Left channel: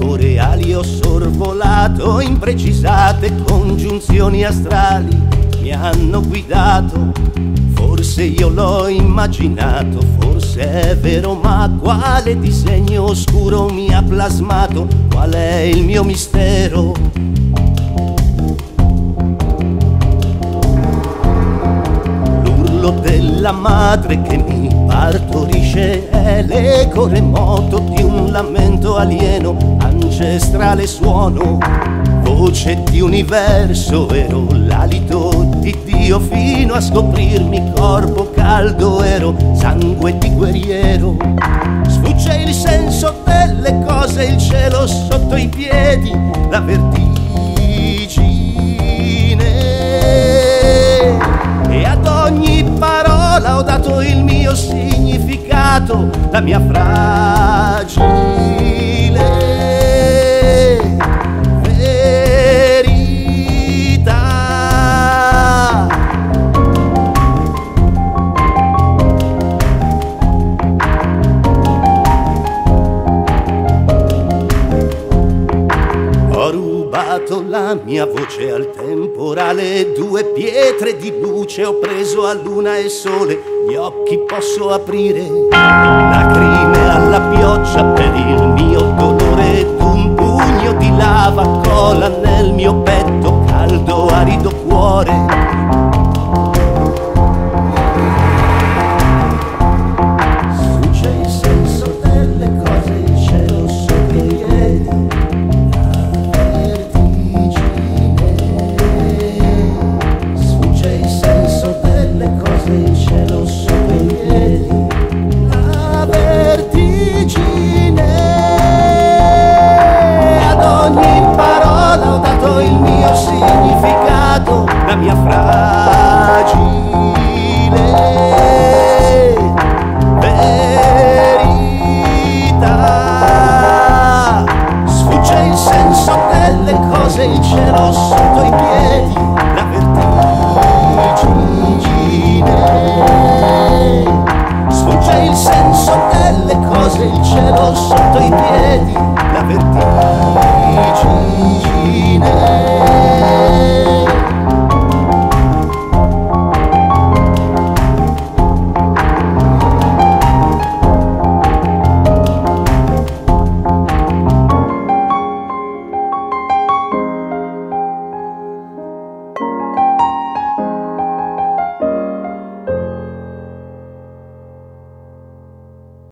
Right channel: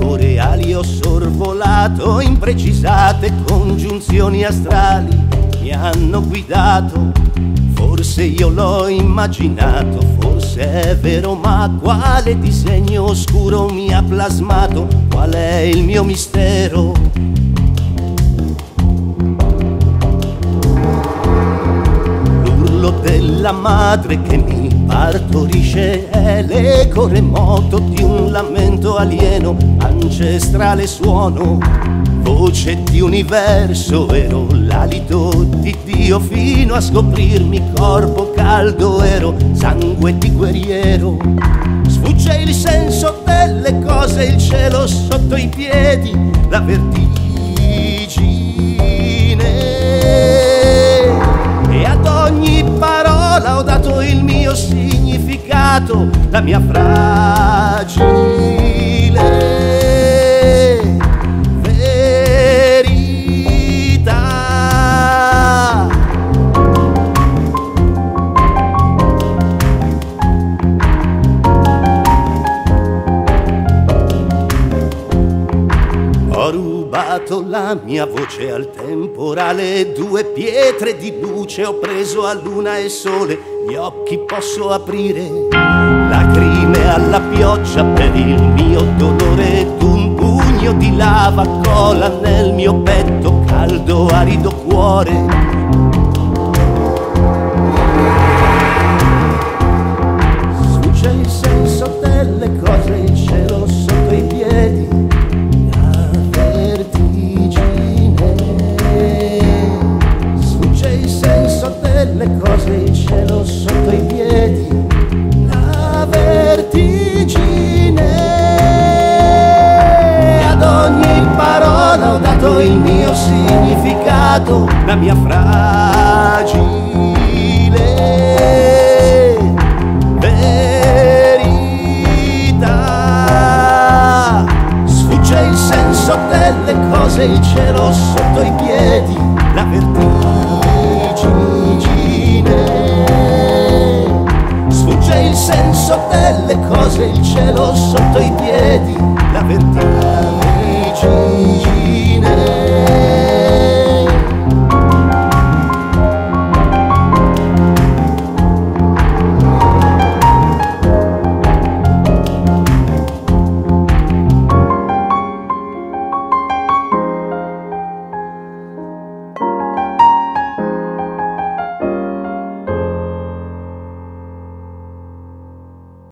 boreali ho sorvolato, imprecisate congiunzioni astrali mi hanno guidato. Forse io l'ho immaginato, forse è vero, ma quale disegno oscuro mi ha plasmato? Qual è il mio mistero? L'urlo della madre che mi partorisce è l'eco remoto di un lamento alieno, ancestrale suono, voce di universo, ero l'alito di Dio fino a scoprirmi corpo caldo, ero sangue di guerriero. Sfugge il senso delle cose, il cielo sotto i piedi, la vertigine, e ad ogni parola ho dato il mio significato, la mia fragile la mia voce al temporale, due pietre di luce ho preso a luna e sole, gli occhi posso aprire, lacrime alla pioggia per il mio dolore, d'un pugno di lava cola nel mio petto, caldo arido cuore. Sfugge il senso delle cose, il cielo sotto i piedi, il cielo sotto i piedi, la vertigine. Ad ogni parola ho dato il mio significato, la mia fragile verità. Sfugge il senso delle cose, il cielo sotto i piedi, la vertigine. Sfugge il senso delle cose, il cielo sotto i piedi, la vertigine.